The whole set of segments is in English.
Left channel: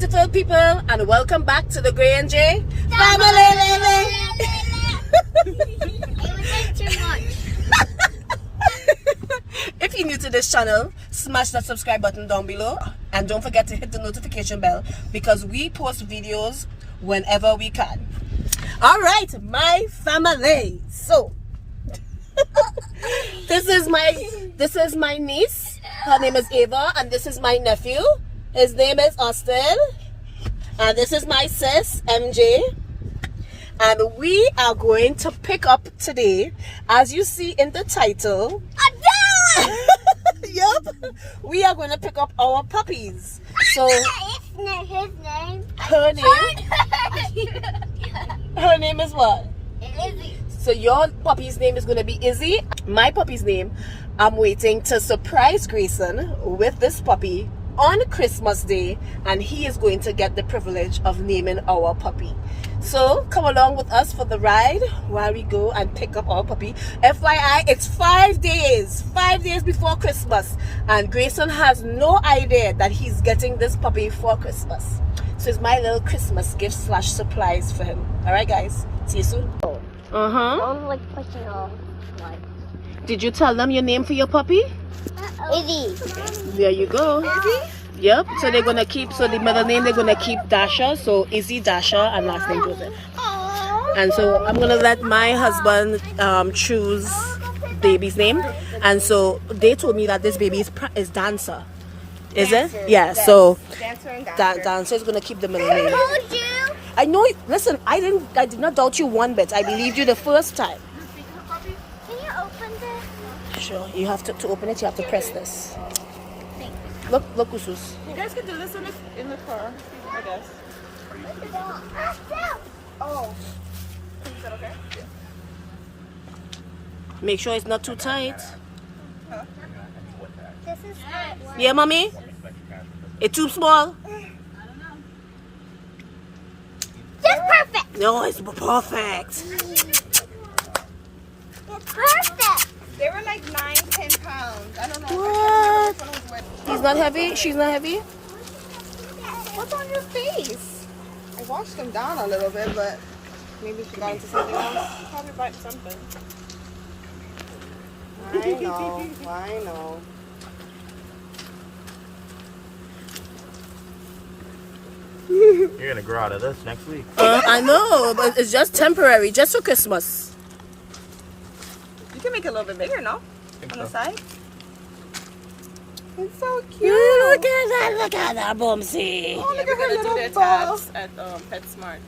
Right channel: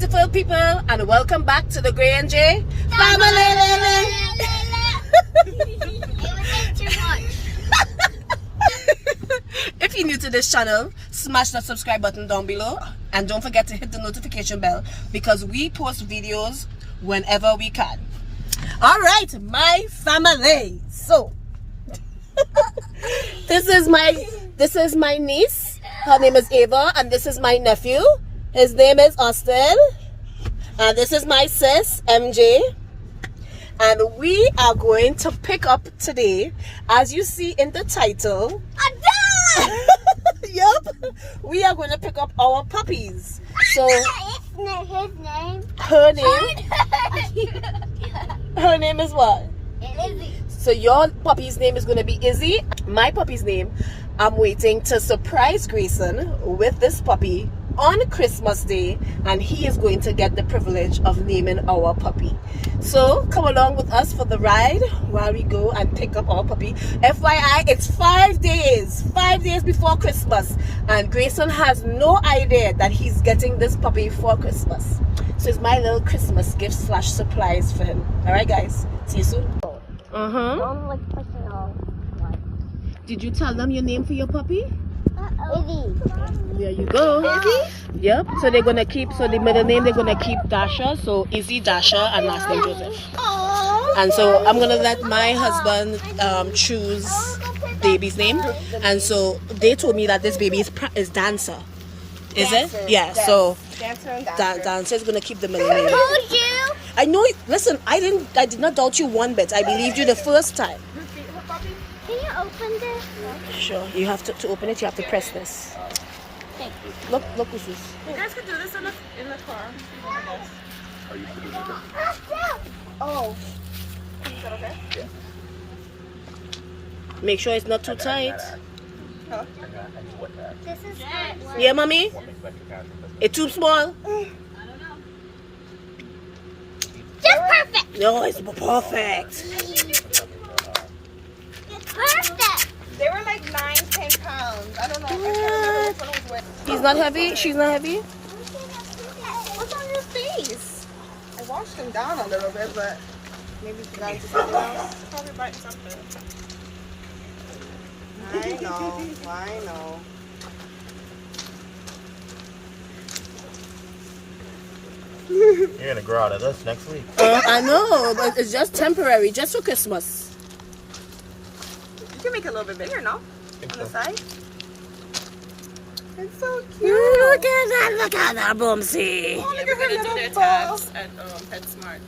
beautiful people, and welcome back to the Gray and J family. If you're new to this channel, smash that subscribe button down below and don't forget to hit the notification bell because we post videos whenever we can. Alright, my family. So this is my niece. Her name is Ava, and this is my nephew. His name is Austin. And this is my sis, MJ. And we are going to pick up today, as you see in the title. Yep. We are going to pick up our puppies. So her name is what? Izzy. So your puppy's name is going to be Izzy. My puppy's name, I'm waiting to surprise Greyson with this puppy on Christmas Day, and he is going to get the privilege of naming our puppy. So come along with us for the ride while we go and pick up our puppy. FYI, it's 5 days before Christmas, and Greyson has no idea that he's getting this puppy for Christmas. So it's my little Christmas gift / surprise for him. All right, guys, see you soon. Did you tell them your name for your puppy? Izzy. There you go. Izzy? Yep. So they're gonna keep. So the middle name they're gonna keep Dasha. So Izzy, Dasha, and last name Joseph. And so I'm gonna let my husband choose baby's name. And so they told me that this baby is Dancer. Is it? Yeah. So Dancer is gonna keep the middle name. I know. Listen, I did not doubt you one bit. I believed you the first time. Can you open this? Sure. You have to open it. You have to press this. Thank you. Look, Usus. You guys could do this in the car, I guess. Oh. Is that okay? Make sure it's not too tight. This is Yeah, mommy? It's too small? just perfect. No, it's perfect. It's perfect. They were like 9-10 pounds. I don't know. What? He's not heavy? She's not heavy? What's on your face? I washed them down a little bit, but maybe she got into something else. Probably bite something. I know. You're gonna grow out of this next week. I know, but it's just temporary, just for Christmas. You can make it a little bit bigger, no? Think On the so. side? It's so cute. Look at that, Bumsy. Yeah, we're gonna do their tags at PetSmart.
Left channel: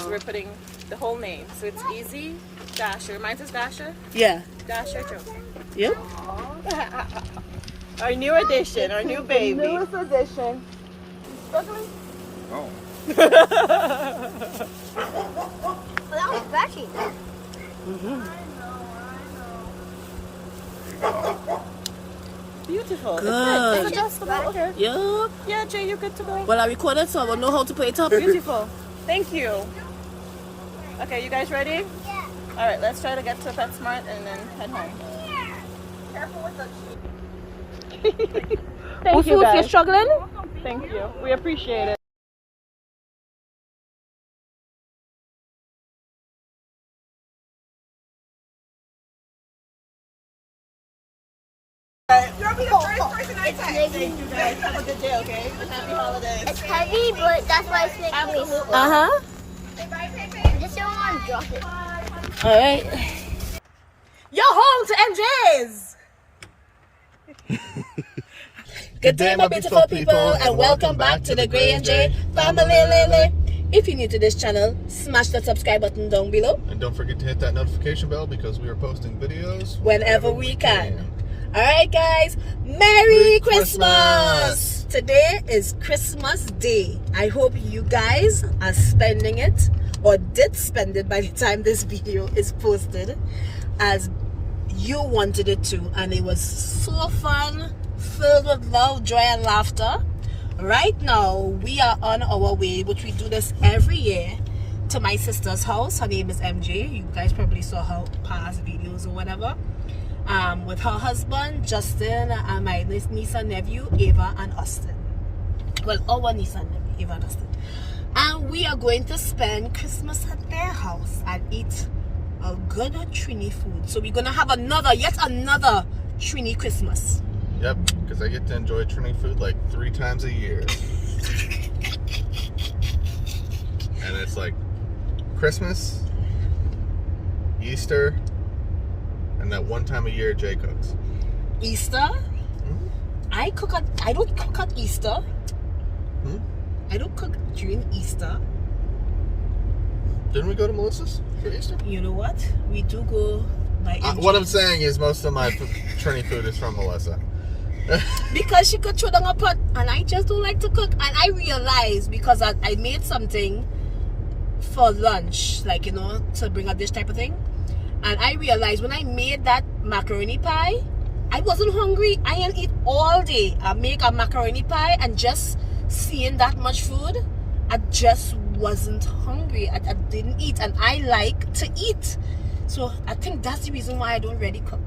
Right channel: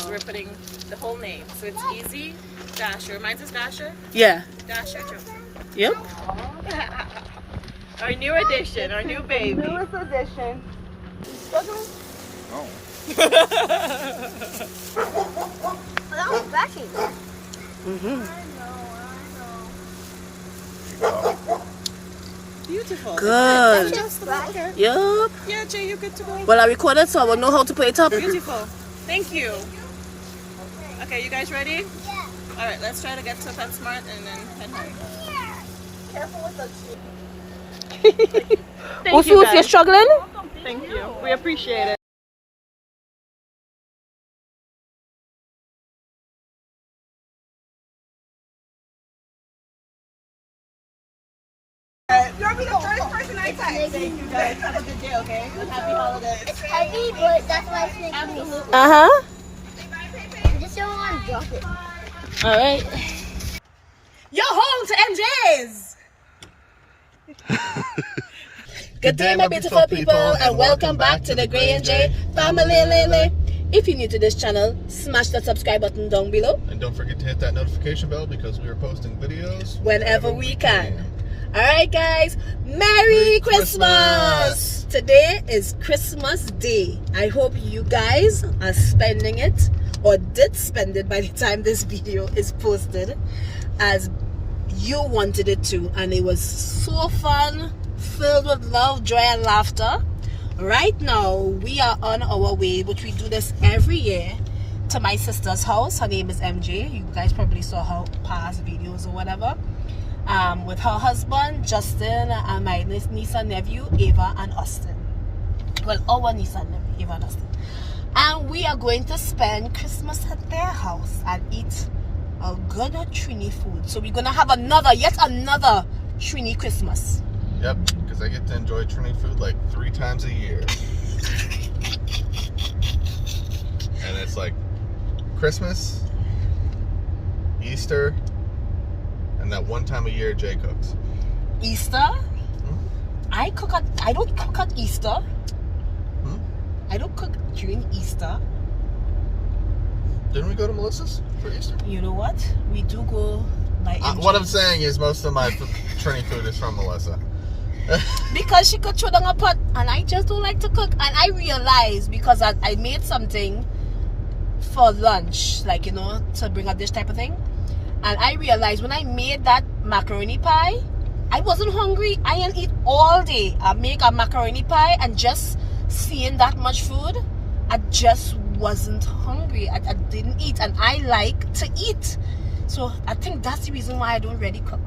So we're putting the whole name. So it's Easy, Dasher. Reminds us Dasher? Yeah. Dasher. Yep. Our new addition, our new baby. Newest addition. Oh. That was scratchy. Beautiful. Good. Okay. Yep. Yeah, Jay, you're good to go. Well, I recorded, so I will know how to put it up. Beautiful. Thank you. Okay, you guys ready? Yeah. All right, let's try to get to PetSmart and then head home. Yeah. Careful with the tree. Thank you, Usus, guys. you're struggling? Thank you. We appreciate it. You'll be the first person I text. Thank you guys. Have a good day, okay? And happy holidays. It's heavy, but that's why it's making me. Uh-huh. I just don't want to drop it. All right. You're home to MJ's. Good day, my beautiful people, and welcome back to the Gray and J family. If you're new to this channel, smash that subscribe button down below. And don't forget to hit that notification bell because we are posting videos Whenever we can. All right, guys. Merry Christmas! Today is Christmas Day. I hope you guys are spending it or did spend it by the time this video is posted as you wanted it to, and it was so fun, filled with love, joy, and laughter. Right now, we are on our way, which we do this every year, to my sister's house. Her name is MJ. You guys probably saw her past videos or whatever. With her husband, Justin, and my niece and nephew, Ava and Austin. Well, our niece and nephew. Eva and Dustin. And we are going to spend Christmas at their house and eat a good Trini food. So we're gonna have yet another Trini Christmas. Yep, because I get to enjoy Trini food like 3 times a year. And it's like Christmas, Easter, and that one time a year Jay cooks. Easter? I don't cook at Easter. I don't cook during Easter. Didn't we go to Melissa's for Easter? You know what? We do go like What I'm saying is most of my Trini food is from Melissa. because she could throw down a pot and I just don't like to cook. And I realized because I made something for lunch, like, you know, to bring a dish type of thing. And I realized when I made that macaroni pie, I wasn't hungry. I didn't eat all day. I make a macaroni pie and just seeing that much food, I just wasn't hungry. I didn't eat, and I like to eat. So I think that's the reason why I don't really cook.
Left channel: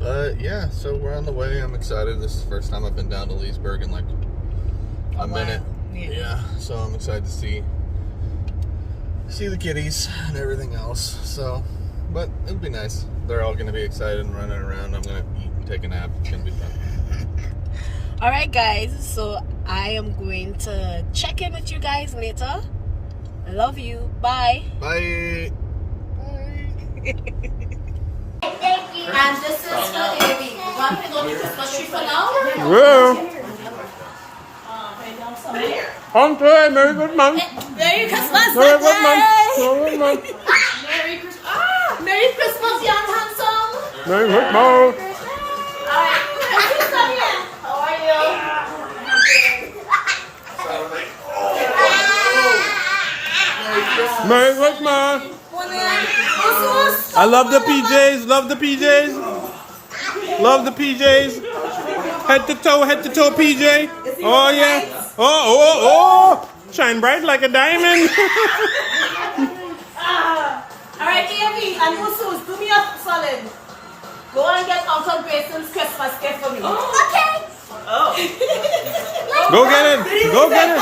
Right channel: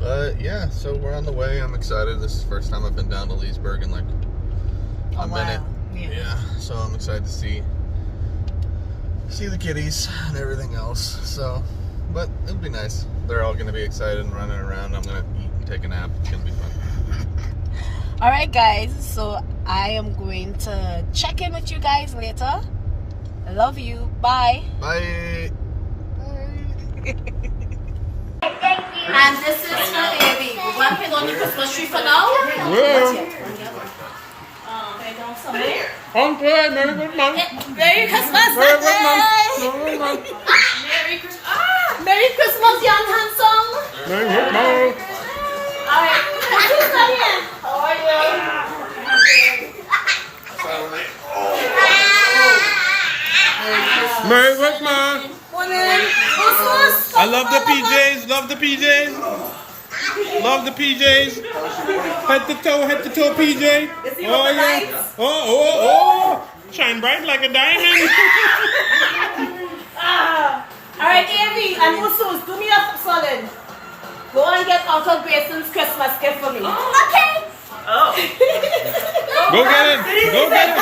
Yeah, so we're on the way. I'm excited. This is the first time I've been down to Leesburg in like a minute. Yeah, so I'm excited to see the kitties and everything else. So, but it'll be nice. They're all going to be excited and running around. I'm going to eat and take a nap. It's going to be fun. All right, guys. So I am going to check in with you guys later. I love you. Bye. Bye. And this is for Amy. We're going to put on the Christmas tree for now. Well, okay, Merry Christmas. Merry Christmas, Merry Sunday. Christmas. Merry Christmas, young handsome. Merry Christmas. All right. Come here. How are you? Merry Christmas. I love the PJs. Love the PJs. Love the PJs. Head to toe PJ. Oh yeah. Oh. Shine bright like a diamond. All right, Amy and Musus, do me a solid. Go and get Uncle Grayson's Christmas gift for me. Okay. Oh. Go get it. Go get it.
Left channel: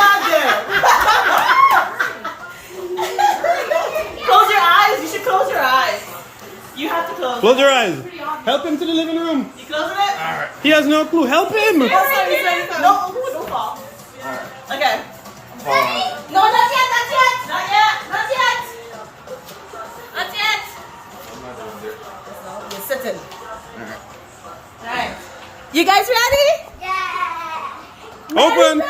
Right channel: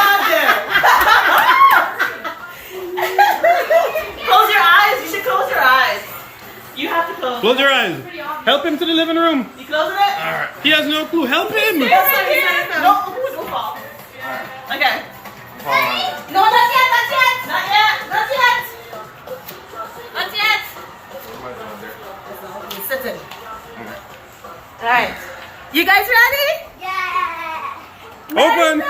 Close your eyes. You should close your eyes. You have to close. Close your eyes. Help him to the living room. You closing it? All right. He has no clue. Help him. No, don't fall. Okay. No, not yet. Not yet. Not yet. What am I doing there? You're sitting. All right. You guys ready? Yeah. Open.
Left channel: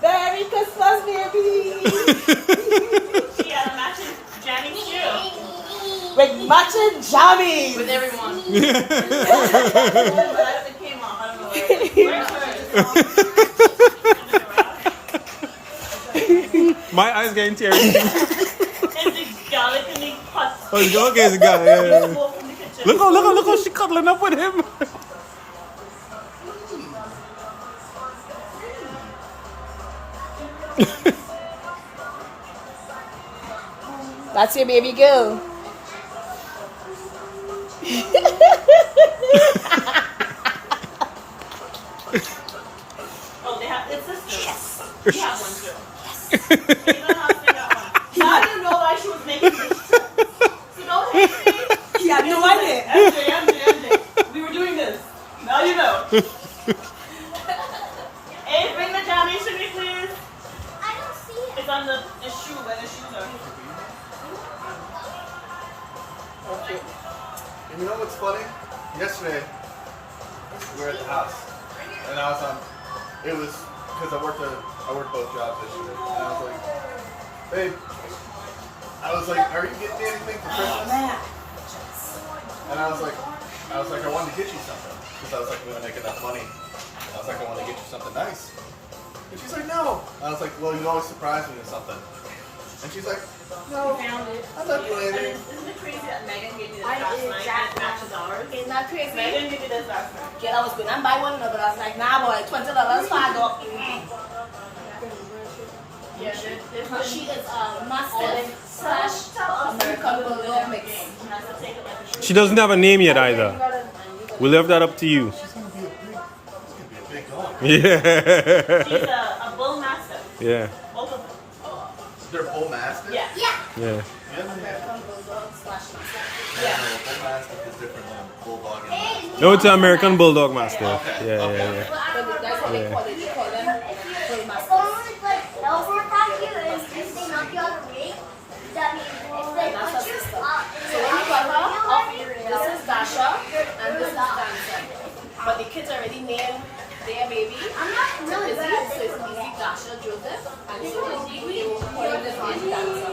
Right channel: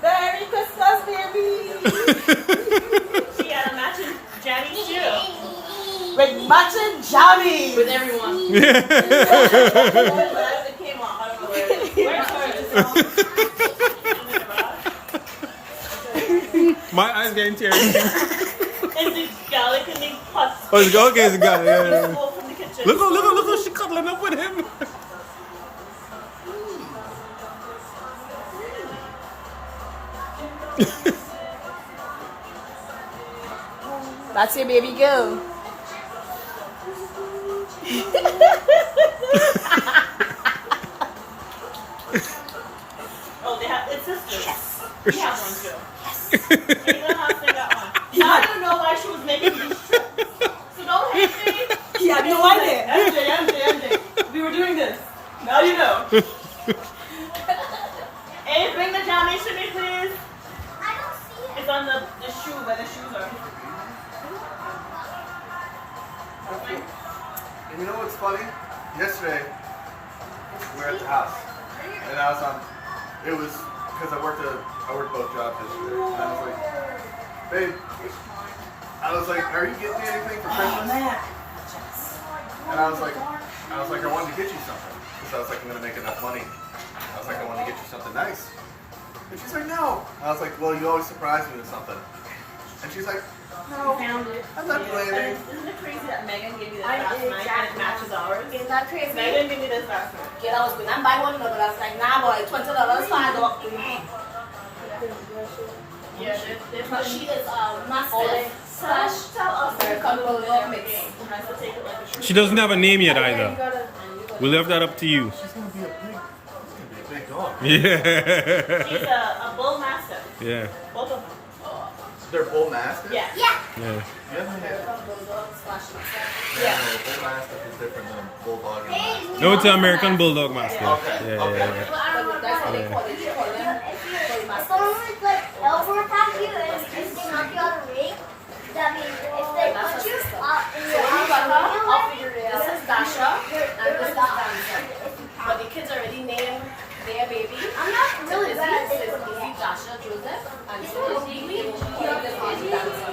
Merry Christmas, baby. She had a matching jammies too. With matching jammies. With everyone. Yeah. It came off. I don't know where it is. Where's hers? My eyes getting teary. Is it garlic in the pot? Oh, it's okay. It's got it. Yeah. From the kitchen. Look how she cuddling up with him. That's your baby girl. Oh, they have it's this. Yes. We have one too. Yes. Even us, they got one. Now you know why she was making this trip. So don't hate me. Yeah, no idea. MJ. We were doing this. Now you know. Hey, bring the jammies to me, please. I don't see it. It's on the shoe where the shoes are. You know what's funny? Yesterday, we were at the house, and I was on. It was because I worked both jobs yesterday. And I was like, babe, I was like, are you getting me anything for Christmas? And I was like, I wanted to get you something because I was like, I'm gonna make enough money. I was like, I want to get you something nice. And she's like, no. I was like, well, you always surprise me with something. And she's like, No, I'm not planning. Isn't it crazy that Megan gave you this last night and it matches ours? Ain't that crazy? Megan gave me this last night. Kid, I was going to buy one, but I was like, nah, boy, $20 for a dog. Yeah, there's no She is Mastiff / American Bulldog mix. She doesn't have a name yet either. We left that up to you. She's gonna be a big dog. Yeah. She's a bull mastiff. Yeah. Both of them. They're bull mastiff. Yeah. Yeah. Yeah. American Bulldog / Mastiff. Yeah. No, bull mastiff is different than bulldog and mastiff. No, it's an American Bulldog Mastiff. Okay, Yeah, okay. yeah, yeah. But that's what they call it. They call them bull mastiff. That's her sister. So when we got her, this is Dasha and this is Danza. But the kids already named their baby. So it's easy Dasha Joseph and so we calling this baby Danza.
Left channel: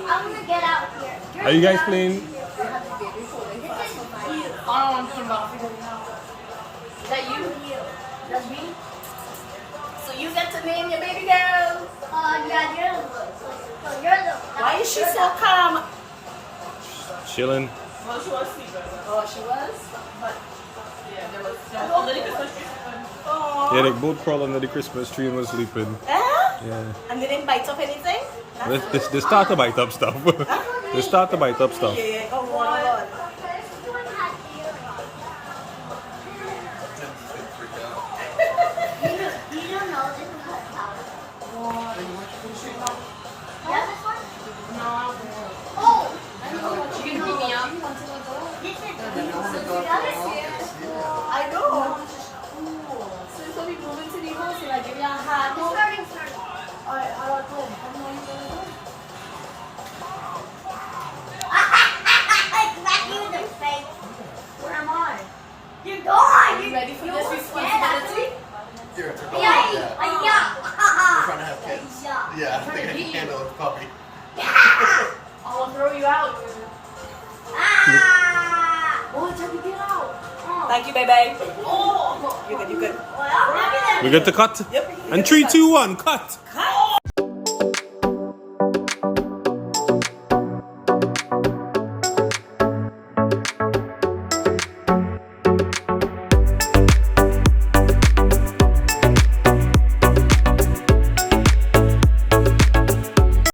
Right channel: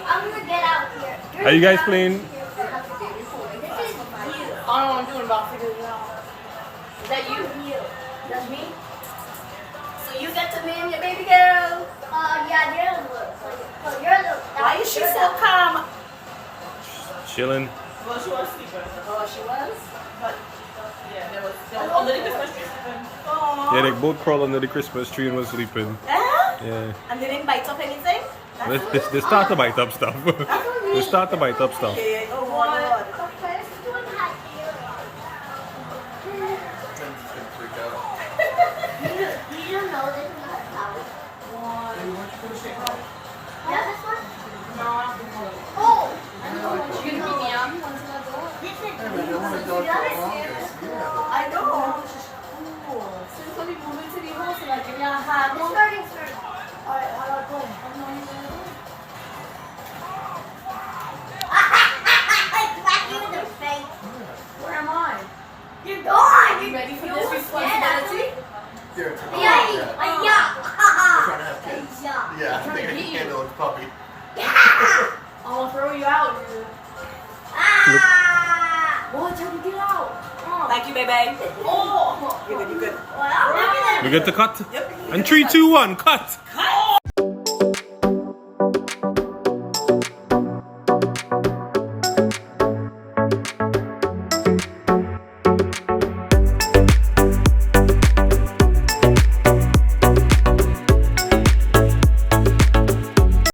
Are you guys playing? They have the baby calling fast for 5 years. Oh, no, I'm doing basketball. Is that you? That's me? So you get to name your baby girl. Why is she so calm? Chilling. Well, she was sleeping. Oh, she was? But, yeah, there was under the Christmas tree sleeping. Oh. Yeah, they both crawled under the Christmas tree and was sleeping. Yeah. And they didn't bite up anything? They start to bite up stuff. They start to bite up stuff. Yeah. Oh, Lord. Tim's just gonna freak out. Baby, why don't you put a sheet on? Yeah, baby, I want to go to yeah. I know. So it's going to be moving to the house and I give you a hand. I'll go. Where am I? You're gone. Are you ready for this responsibility? There, it's a dog. Yeah. Yeah. We're trying to have kids. Yeah, I think I can handle a puppy. I'll throw you out. Thank you, baby. Oh. You're good. We're good to cut. And 3, 2, 1, cut.